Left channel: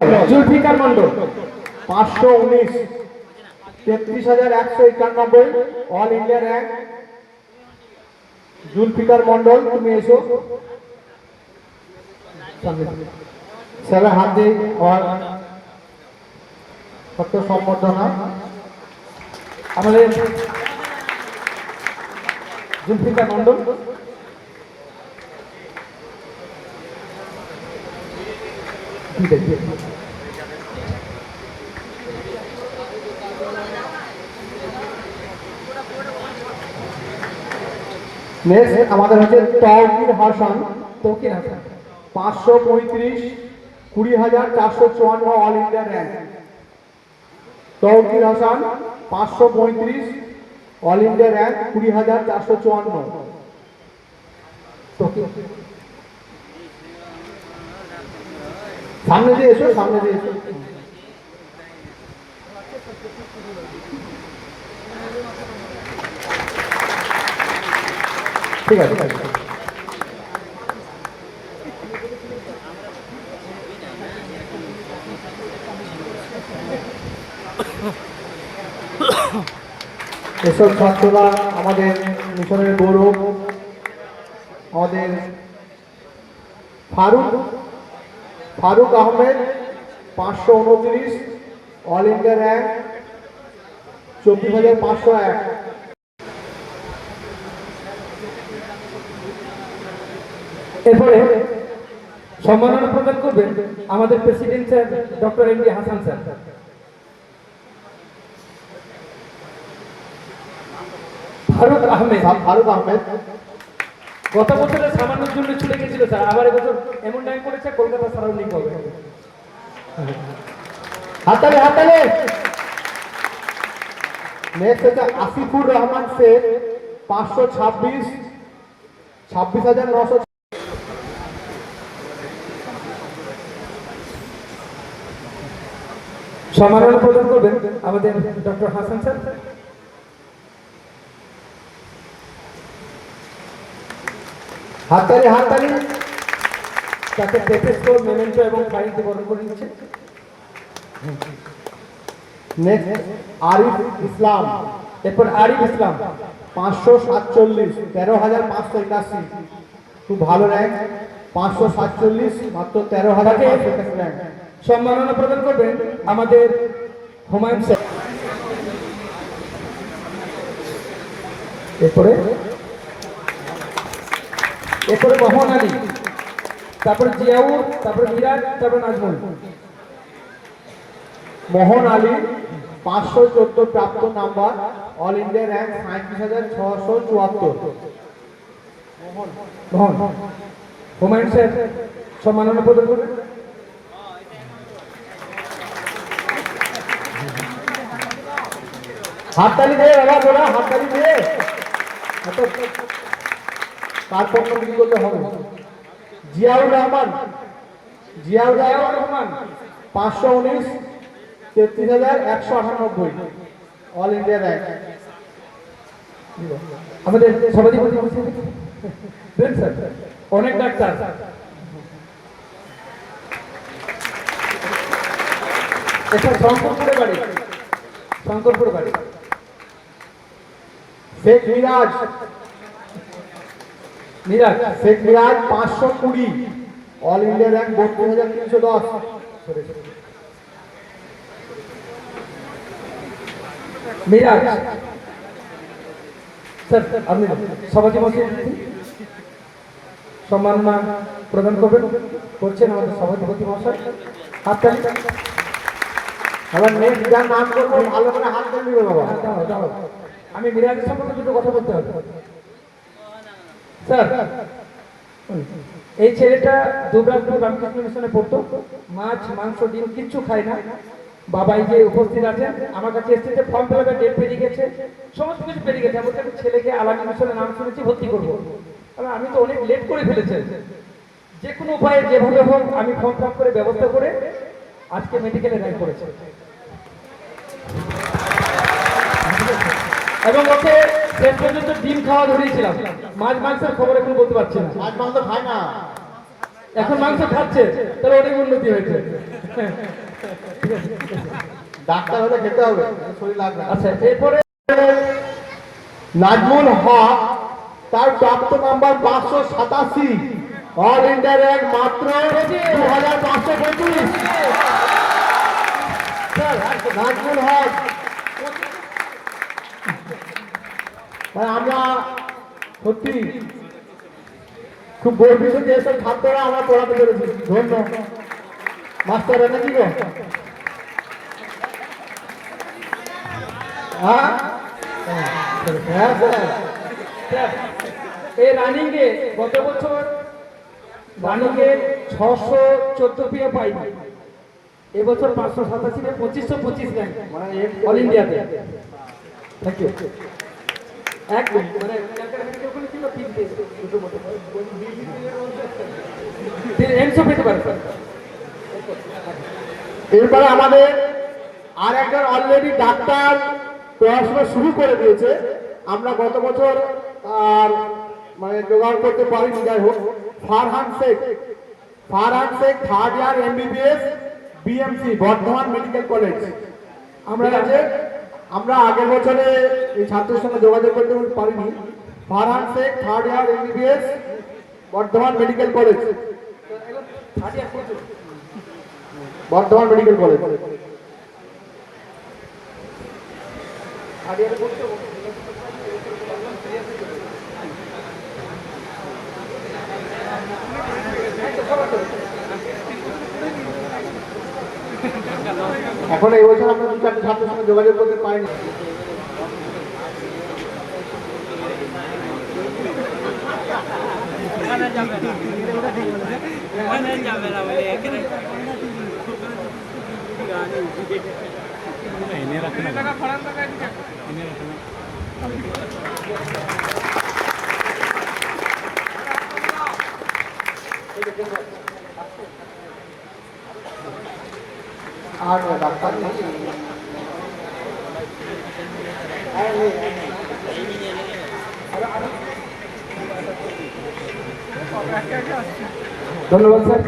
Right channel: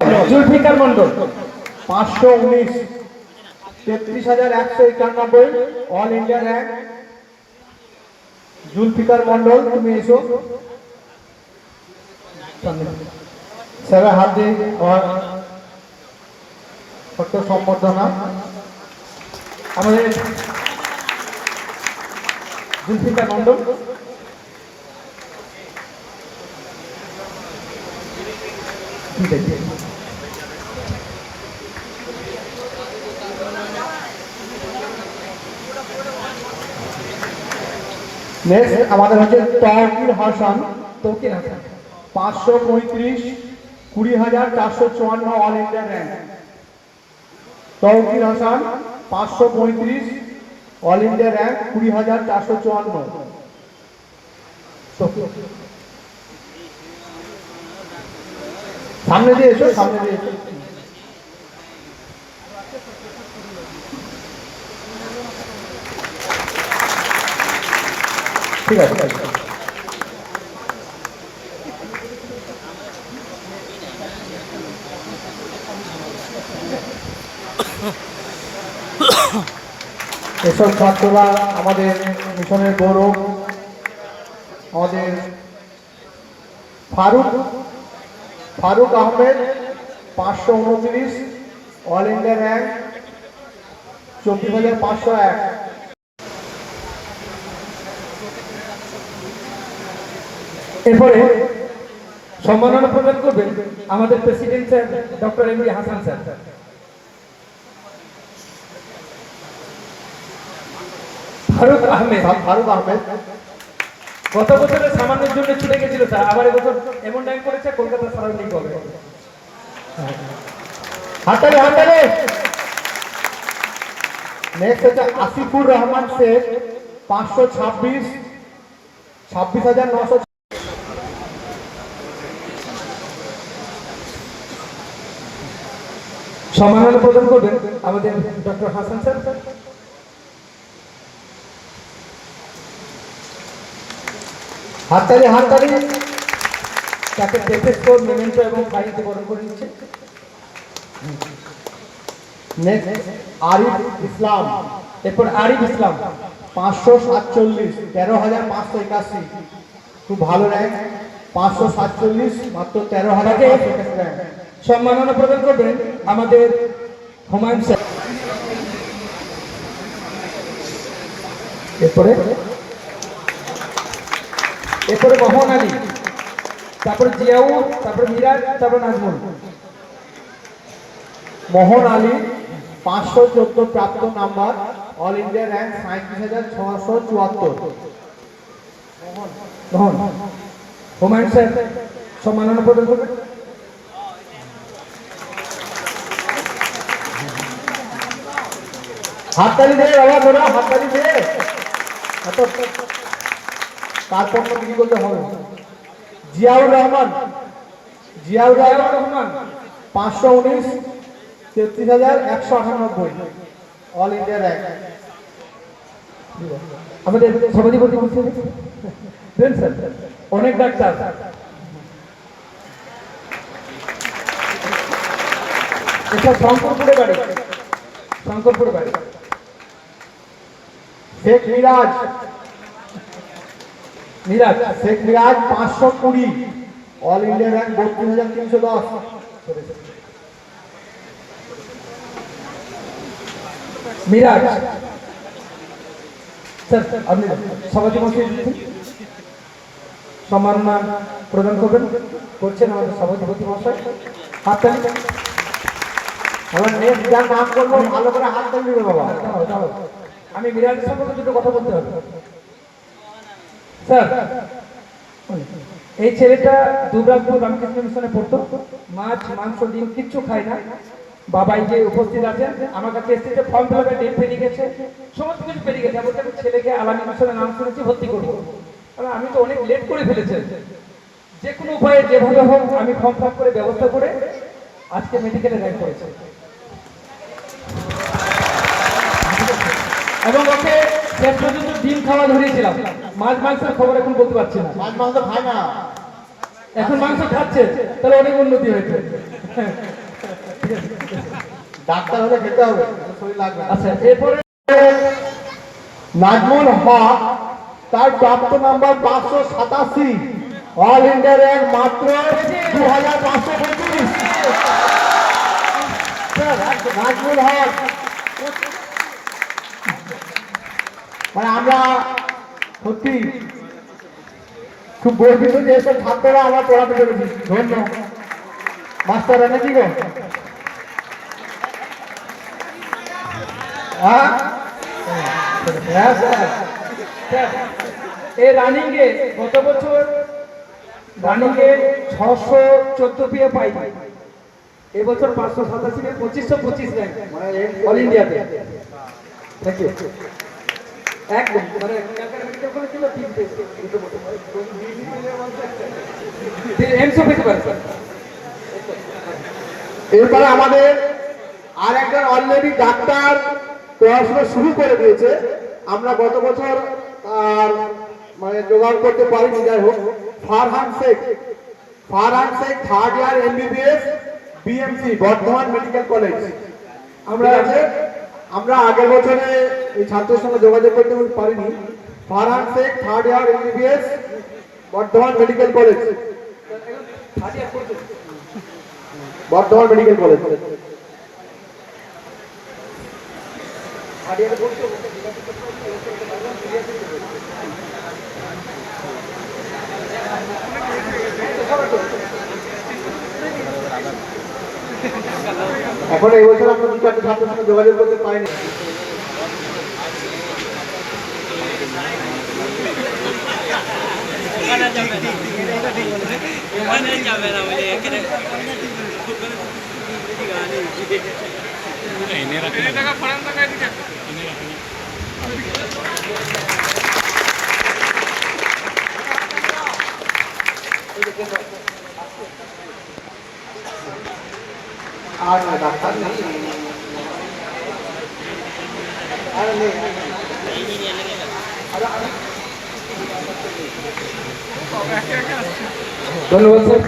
Zulfikar Mondal 519 33,191 all India rank. Zulfikar Mondal তুমি এসো sir, হাত দিয়ে সত্য সম্বর্ধনা আমাদের জুলফিকার মন্ডল। নেক্সট আমাদের হচ্ছে Taukir Hasan. 535 20,454 all India rank. Taukir Hasan 535 all India rank 20,454। সামনে দিয়ে এসো, সামনে দিয়ে এসো। ঠিক আছে, এসব ছাত্ররা আমাদের মিশনের গৌরব। আমাদের Faruk Ahmed 529 all India rank 24,501। এরপরে সম্মাননা প্রদান করবেন আমাদের president sir doctor M D Hasan sir. Faruk Ahmed গত বছরের সামান্যের জন্য ছুটে গেছিল স্যার, আবার এবছর এমন টাইম করেছে কলকাতা সারাউন্ডিং করবে। হাতালে হাতালে। নেক্সট হচ্ছে আসিফুর রহমান শেখ 526 26,900। সম্মাননা প্রদান করবেন আমাদের ডক্টর হাসান স্যার। হাততালি হাততালি। তাকে ডেপেস্টো মেমেন্টো এবং ফাইলটি বর্ণনা করে দিচ্ছে। নেক্সট আরিফ ইসলাম। এরপর আরিফ ইসলাম 547 13,581। খুব ভালো র্যাঙ্ক। 547 মাত্র 13,581 র্যাঙ্ক। সম্মাননা প্রদান করবেন আমাদের হুমায়ুন স্যার। এরপরে মোহন আলী, তারপর জিয়াউর, তারপর মিরাজ, তারপর নাজমুল। মোহন আলী 514 প্রাপ্ত number all India rank 37,674। Humayun sir সম্মাননা প্রদান করবেন। হাততালি দিয়ে আওয়াজ ওরা, হাততালি দিয়ে তারপর বিক্রি করতে হবে। Ziaur Rahman 519 33,198 all India rank. আমাদের সভাধিপতি অনেক ডাক্তার। এটা শঙ্করপুর বাড়ি। Sheikh Miraj 520 all India rank 32,310। Miraj sir আপনি সভাপতি সম্মাননা প্রদান করবেন করছেন আমাদের সভাপতি মশাই। হাততালি। আমরা নেক্সট যার নাম করবো ভালো করে হাততালি দিবে বাবা। আমি মিরাজের সম্পর্কে দুটো কথা বলতে হবে স্যার। এই ছেলেটা দুবরাজপুর রামকৃষ্ণ মিশনে পড়তো। মাছ মাংস ডিম কিচ্ছু খায় না। বাবাই যে উপস্থিত আছেন আমার কাছে এসেছে, ফর্ম ফিল আপের ডেট পেরিয়ে গেছে, সমস্ত কিছু পেরিয়ে গেছে। আমি ছেলেকে আলামী মিশনে নাম শুনেছি, ভর্তি করবো। কারণ আমি তো অনেক লেট করে ফেলেছি। যে কোনো উপায়ে যেভাবে হোক আমি ফর্ম ফিল আপ করে ব্যবস্থা করে আজকে মেডিকেলে র্যাঙ্ক করেছি। এবং ওকে শেষ পর্যন্ত ডিম খাওয়া ধরিয়েছিলাম। মাছ মাংসের খবর এখন বলতে পারছি না। মাছ মাংস খায় না, এখন মাংস খাচ্ছে, তাহলে অনেক উন্নতি হয়েছে। ডাক্তার হলে খেতে হবে, শরীর লাগবে না। আচ্ছা, এরপরে নাজমুল হক, তার প্রাপ্ত নাম্বার 587, অল ইন্ডিয়া র্যাঙ্ক মাত্র 2525। নাজমুল হক, মানে আমরা সত্যি খুব গর্বিত যে এসব ছাত্ররা আমরা পড়াতে পেরেছি। ধন্যবাদ মাস্টার এনেছি গো। হ্যাঁ হ্যাঁ স্যার, এই রানিংয়ে গত বছর রানিংয়ে 614 পিএ পাইনি, এবছর 587 এ 2525 র্যাঙ্ক অল ইন্ডিয়াতে। Thank you. একদম মানে এমসি পেতে পারে স্যার। এরপরে আমাদের আর একজন অলরেডি ডাক্তার পড়াশোনা শুরু করে দিয়েছে, আমরা গত বছর আর মানে জোগাড় করতে পারিনি। যাই হোক, Farhan Sheikh, third year MBBS BMC Bardhaman medical college. আমরা আগের বছরে এই ছাত্রের সঙ্গে যোগাযোগ করতে পারিনি। Farhan Sheikh, third year MBBS Bardhaman medical college, Bardhaman medical college. এখন এই বছর আমরা দু চারটি ছাত্রের সঙ্গে যোগাযোগ করতে পারিনি। আর না ডাক্তার ধন্যবাদ স্যার,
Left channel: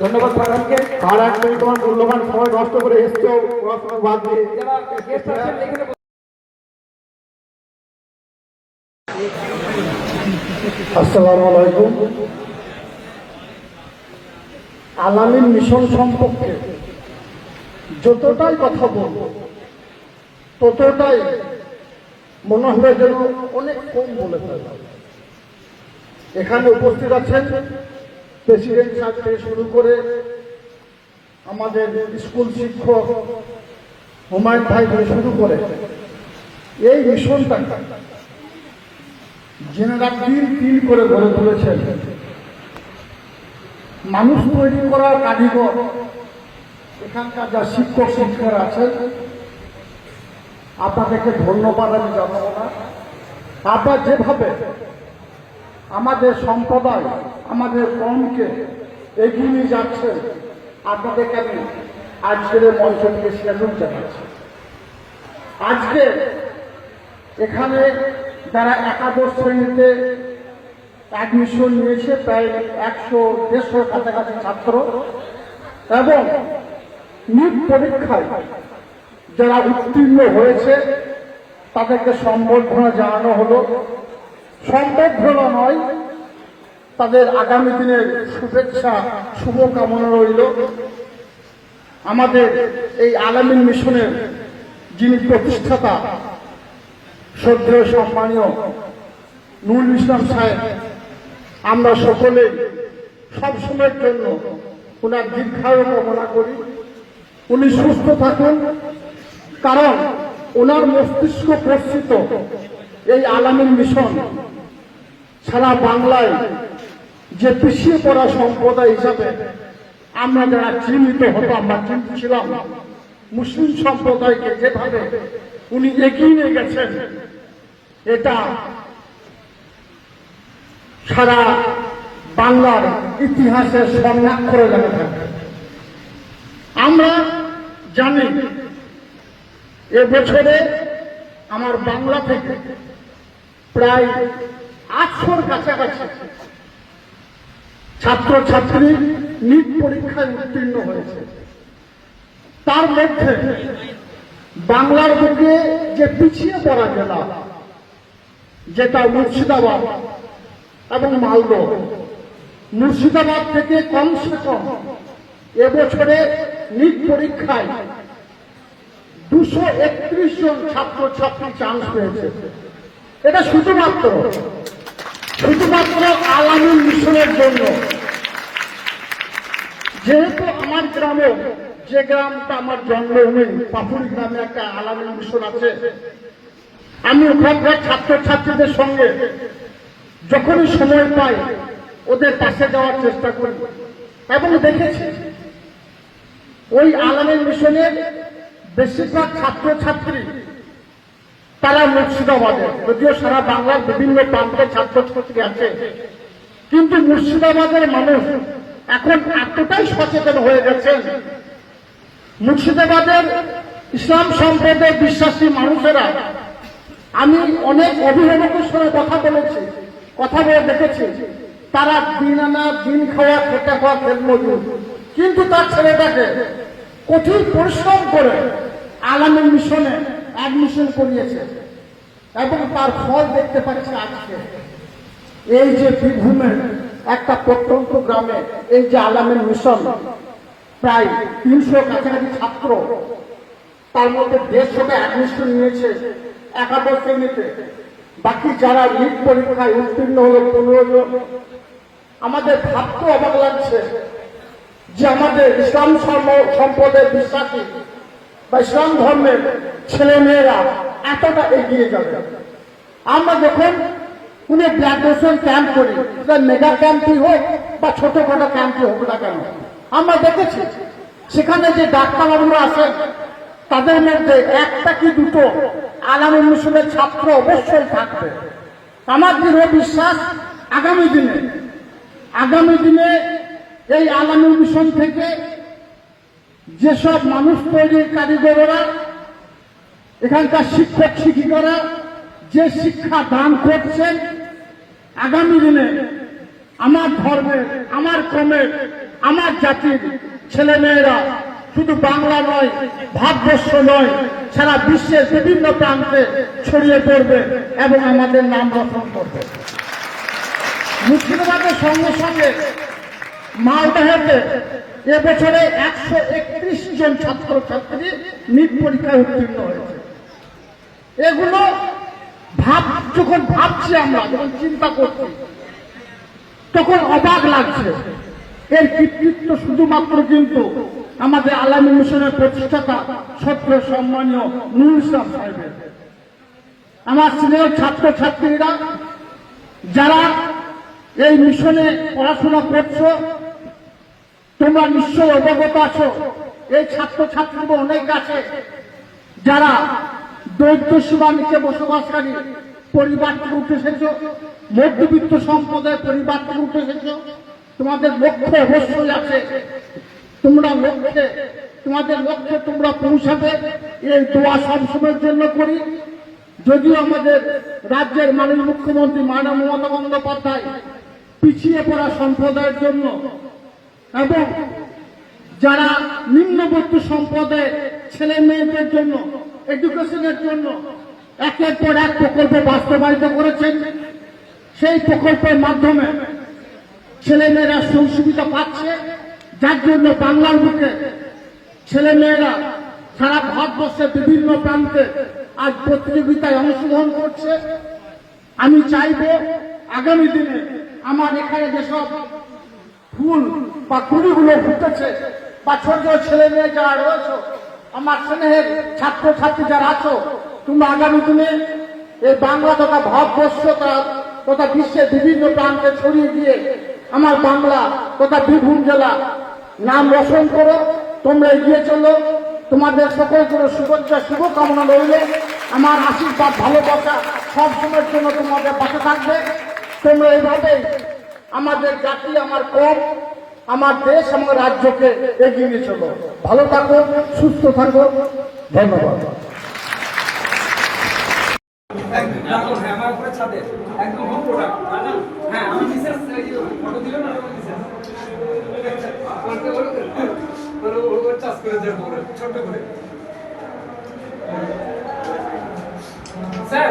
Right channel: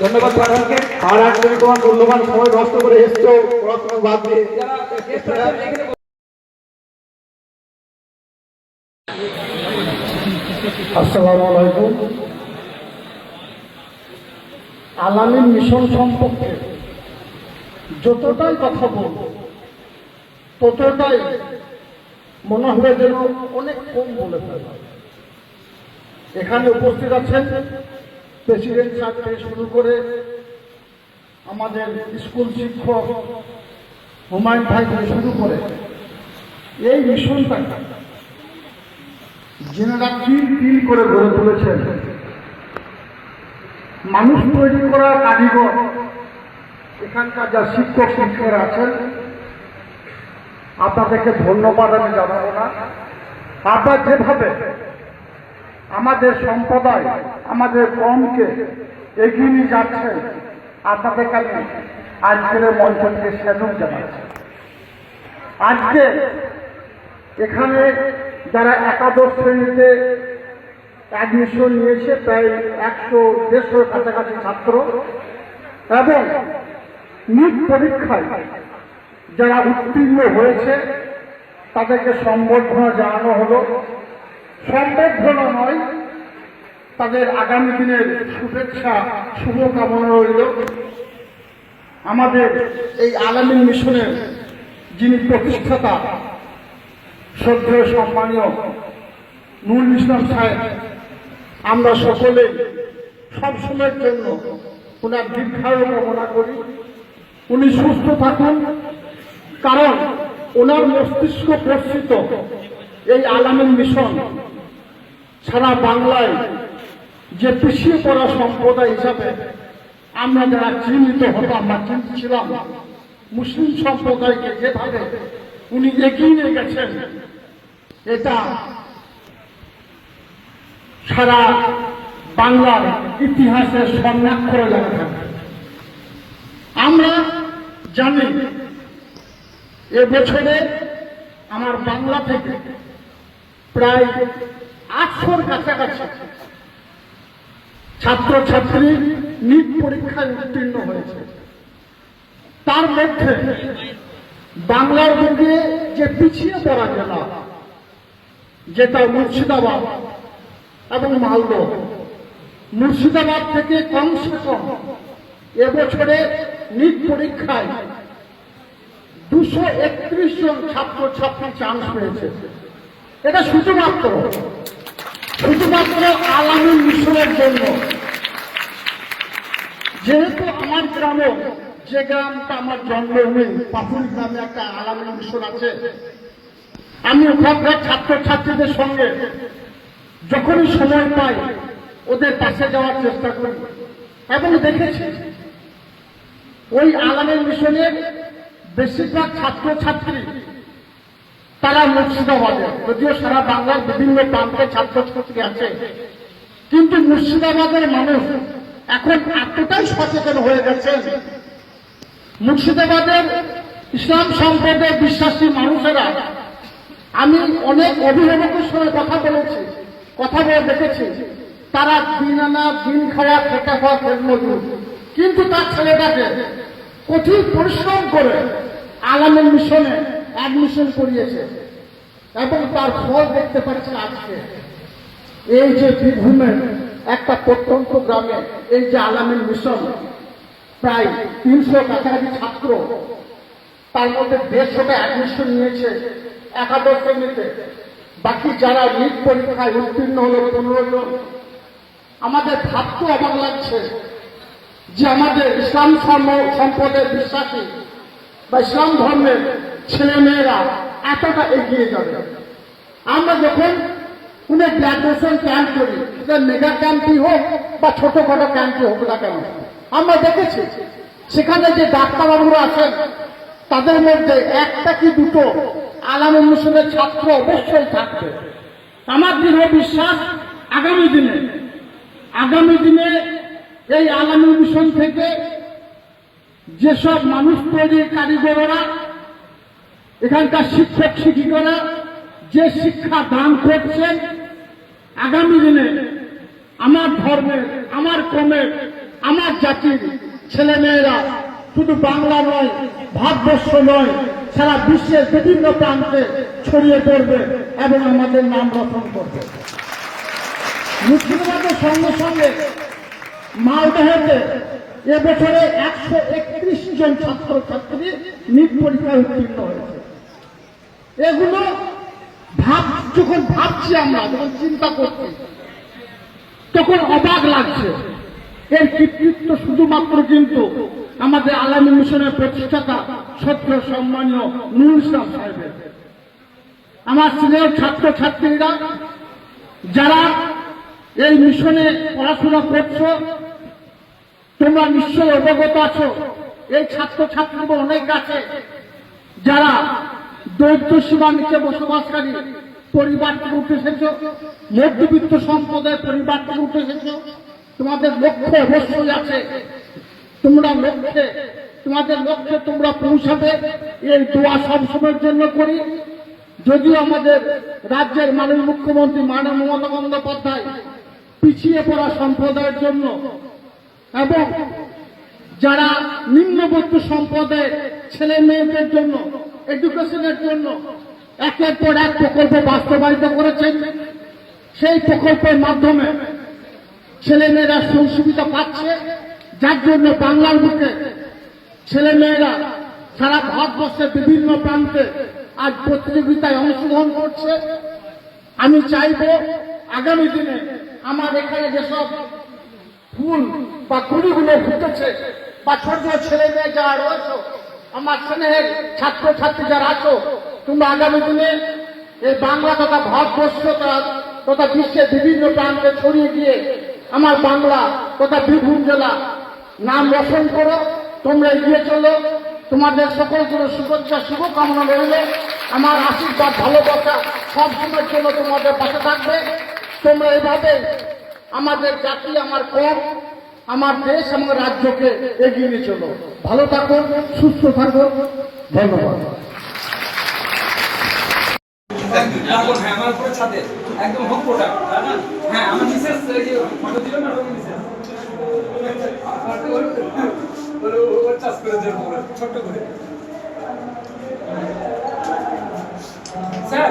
ধন্যবাদ আপনাকে। আর এক মিনিট তোমার মূল্যবান সময় নষ্ট করে এসছো পড়াশোনা বাদ দিয়ে। যারা গেস্ট আছেন এখানে আসসালামু আলাইকুম। আলামিন মিশন সম্পর্কে যতটাই কথা বলব ততটাই মনে হবে যেন অনেক কম বলে ফেলা। এখানে উপস্থিত আছেন প্রেসিডেন্ট সাহেব থেকে শুরু করে আমাদের স্কুল শিক্ষক হুমায়ুন ভাই থেকে শুরু করে এই মিশনটা যেনারা তিল করে গড়ে তুলেছেন, মানুষ তৈরি করার কারিগর এখানকার যা শিক্ষক শিক্ষকরা আছেন, আপনাদেরকে ধন্যবাদ আমি জানাবো না। আপনারা যেভাবে আমাদের সম্প্রদায়, আমাদের কমকে এগিয়ে নিয়ে যাচ্ছেন, আপনাদেরকে আমি আজকের মঞ্চ থেকে স্যালুট জানাচ্ছি। আজকে এখানে যারা একাদশ শ্রেণীতে অ্যাডমিশন নিয়েছে প্রায় 100-150 কাছাকাছি ছাত্র, এবং নিট পরীক্ষায় যারা উত্তীর্ণ হয়েছে তাদেরকে সম্বর্ধনা জানানো হলো। সম্বর্ধনা নয়, তাদের আগামী দিনের শুভেচ্ছা শুভকামনা রইল। আমাদের এই আলামিন মিশনের যিনি প্রতিষ্ঠাতা শ্রদ্ধেয় সম্মানীয় নুরুল ইসলাম সাহেব, আমরা সকলে সবসময়ের জন্য ওনার দীর্ঘায়ু কামনা করি। উনি সুস্থ থাকুন, কারণ ওনার মস্তিষ্ক প্রস্তুত এই আলামিন মিশন সারা বাংলায় যে পিছিয়ে পড়া সম্প্রদায় হিসাবে আমরা যারা চিহ্নিত হতাম বা চিন্তিত ছিলাম, মুসলিম সম্প্রদায়কে যেভাবে উনি এগিয়ে নিয়ে গেছেন, এটা সারা বাংলার ইতিহাসে স্বর্ণাক্ষরে লেখা থাকে। আমরা জানি এবছরে আমার বাংলা থেকে প্রায় 800-র কাছাকাছি ছাত্রছাত্রী নিট পরীক্ষায় উত্তীর্ণ হয়েছে। তার মধ্যে বাংলার বুকে যে পিছিয়ে পড়া জেলা, যেটা মুর্শিদাবাদ এবং মালদহ, মুর্শিদাবাদ থেকে কমসে কম এবছরে নিট পরীক্ষায় 231 জন ছাত্রছাত্রী চান্স পেয়েছে। এটা শুধুমাত্র আলামিন মিশনের জন্য। যেহেতু আমার গ্রামে, যে গ্রামটা আমার জন্মভূমি, পাথুরি গ্রামে একটা আলামিন মিশন আছে, আমি ওখানকার ছাত্রছাত্রীদের সঙ্গে যখনই সময় পাই ওদের পাশে যাওয়ার চেষ্টা করি এবং দেখেছি ওই আলামিন মিশনের বেশিরভাগ ছাত্রছাত্রী তারা মুর্শিদাবাদে, যদিও সারা বাংলার বিভিন্ন প্রান্তে ছাত্রছাত্রী আছে, কিন্তু মুর্শিদাবাদের মানুষ এখন এতটাই সচেতন হয়ে গেছে। মুর্শিদাবাদের ইসলাম সম্প্রদায়ের বিশ্বাসী মানুষেরা, আমি অনেক অভিভাবকের সঙ্গে কথা বলে দেখেছি, তারা দিন আনা দিন খাওয়া খেটে খাওয়া মজুর, কিন্তু তার ছেলেটাকে কঠিন পরিশ্রম করে আলামিন মিশনে অ্যাডমিশন করিয়েছে এবং তার ফল দেখতে পাচ্ছে আজকে। এই যে বীরভূমের একটা প্রত্যন্ত গ্রামে এই যে আলামিন মিশন, প্রায় 300 কাছাকাছি ছাত্র, তার মধ্যে 150টা অ্যাডমিশন নিয়েছে একাদশ শ্রেণীতে, বাকি যারা নিট পরীক্ষায় উত্তীর্ণ হলো 15 জন। আমাদের ভাবতে অবাক লাগছে যে আমাদের ইসলাম সম্প্রদায়ের বিশ্বাসী বা ইসলাম ধর্মের ছেলে মেয়েরা এতটা এগিয়ে যাবে। আমরা যখন কোন গ্রাজুয়েশন ক্যাম্প করি, মেগা ক্যাম্পই হোক বা ছোটখাটো ক্যাম্পই হোক না কেন, আমরা দেখেছি সেখানে যে ডাক্তারবাবুরা আসেন তাদের মধ্যে একটা কি দুটো আলামিন মিশনের ছাত্র অবশ্যই থাকবে। আমার দৃঢ় বিশ্বাস আগামী দিনে এই আলামিন মিশন থেকে যেসব মানুষ তৈরির কারিগররা, এখানকার শিক্ষক শিক্ষিকারা যে শিক্ষা দান করছেন, আগামী দিনে আমার ধর্মের, আমার ক্রমের, আমার জাতির ছেলে মেয়েরা শুধু বাংলা নয়, ভারতবর্ষ নয়, সারা বিশ্বের বিভিন্ন প্রান্তে ছড়িয়ে পড়বে এবং আমাদের নাম রোশন করবে। মুর্শিদাবাদের সঙ্গে সঙ্গে মালদহেতে এবছরে 131 জন ছাত্রছাত্রী নিট পরীক্ষায় উত্তীর্ণ হয়েছে। এগুলো যখন ভাবছি, আমরা যখন চিন্তা করছি, তখন অবাক লাগছে। এর কৃতিত্ব শুধুমাত্র কিন্তু আমাদের আলামিন মিশনের প্রতিষ্ঠাতা সত্য সম্মানীয় নুরুল ইসলাম সাহেবের। আমার সিনিয়র ছাত্রছাত্রীরা যারা এই মিশনে পড়াশোনা করছো, তোমরা নিশ্চয়ই অবগত আছো, এই ছাত্রছাত্রীরা অনেক আছে যারা দরিদ্র সীমার নিচে বসবাসকারী পরিবার থেকে উঠে এসেছ, মধ্যবিত্ত সম্প্রদায়ের পরিবার থেকে উঠে এসেছ। তোমাদের লক্ষ্য অবশ্যই আছে, তোমাদের লক্ষ্যে তোমরা পৌঁছাবে, এই দোয়া সবসময়ের জন্য করি। যদিও আমাদের রাজ্যের মাননীয় মুখ্যমন্ত্রী মাননীয় মমতা বন্দ্যোপাধ্যায় পিছিয়ে পড়া সম্প্রদায়ের জন্য এবং যারা নিম্নবিত্ত সম্প্রদায়ের ছেলে মেয়েদের জন্য এডুকেশনের জন্য একের পর এক প্রকল্প বাস্তবায়িত করেছেন। সেই প্রকল্পের মাধ্যমে ছেলে মেয়েরা সুবিধা পাচ্ছে, যার জন্য বাংলার বুকে ছেলে মেয়েরা সারা ভারতবর্ষের বিভিন্ন প্রান্তে আজ প্রতিযোগিতায় অংশগ্রহণ করছে। আমি চাইব আগামী দিনে আমার এখানে যেসব ফুল বা কুড়িগুলো ফুটেছে, বা ছোট ছেলে মেয়ে যারা রয়েছে, আমার স্নেহের ছাত্রছাত্রী যারা আছো, তোমরা আগামী দিনে এই বাংলা তথা ভারতবর্ষ তথা বিশ্বের বিভিন্ন প্রান্তে ছড়িয়ে দিয়ে আমার বাংলা তথা বীরভূম জেলা নাম রোশন করো। তোমরা এগিয়ে চলে, তোমাদের সকলের জন্য শুভেচ্ছা শুভকামনা রইল। আমার আশীর্বাদ ভালোবাসা সবসময়ের জন্য তোমাদের পাশে থাকবে। তোমরা এইভাবে আমাদের জাতি, আমার কম, আমার দেশ, আমার রাজ্যকে এগিয়ে নিয়ে চলো। ভালো থাকো, সুস্থ থাকো, ধন্যবাদ। আমার উপরে ছাদে একদম হোম প্রোডাক্ট। হ্যাঁ, আমার মিসেস ফটো দিল না, মিসেস ছোট্ট করে স্যার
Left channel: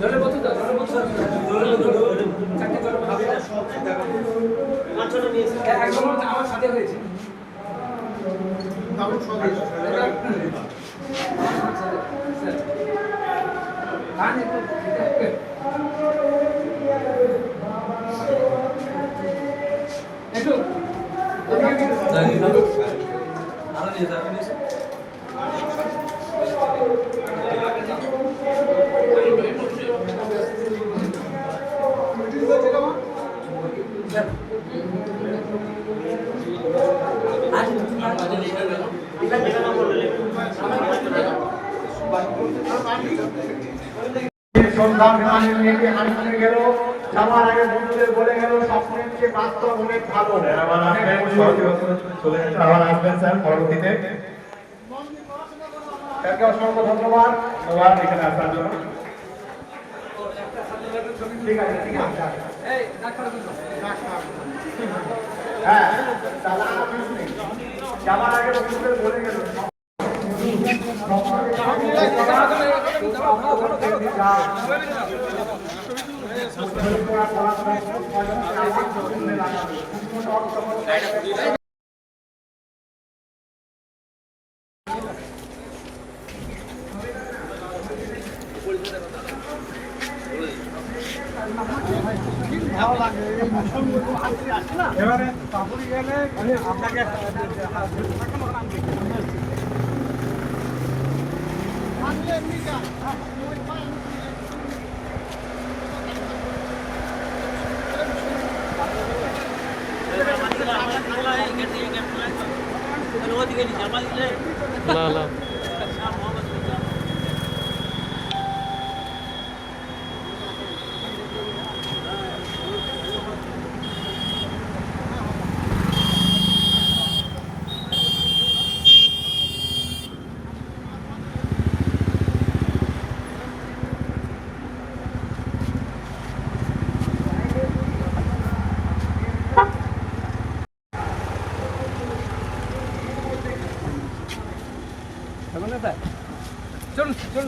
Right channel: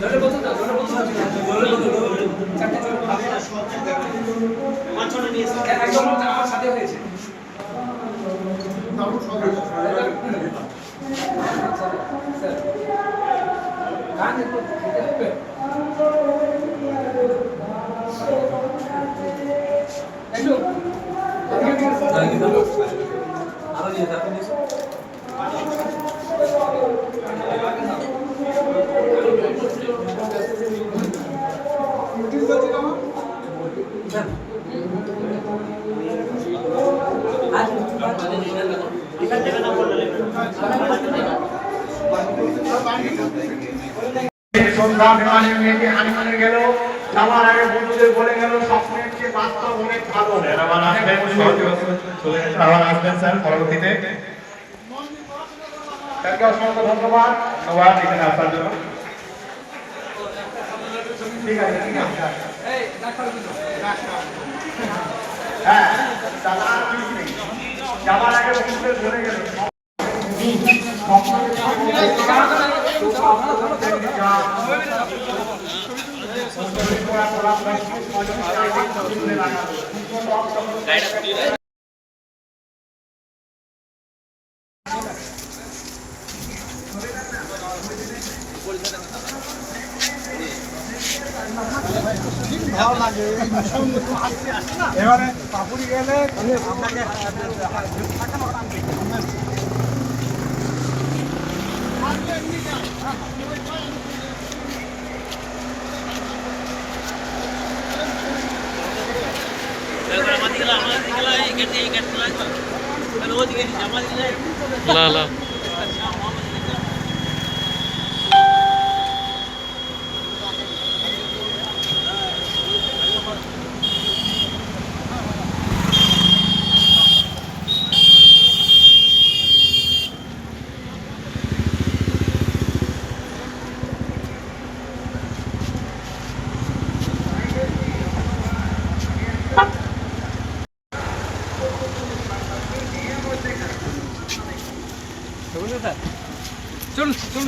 জলের বোতল দাও, জলের বোতল চারটে জলের বোতল একদম আমার সাথে হয়েছে গান একটু খেতে হবে। একটু সন্ধ্যা বিমানের মেয়েটি হানিমুনে গেল, যাওয়ার আগে বন্ধুদের বলে গেল স্বপ্নের চেয়ে বাস্তব অনেক ভালো। আসবেন স্যার পরবর্তীতে তাকে অসংখ্য ধন্যবাদ। সবার এখানে আসার জন্য ঠিক আছে, ঠিক আছে। এই ডাক্তার বলো হ্যাঁ, তাহলে আর কিছু নেই। যাওয়ার আগে বন্ধুদের বলে গেল এবারে পাপুরি গেলে আপনাকে থাকানো নাম দিতে লা লা চলুন চলুন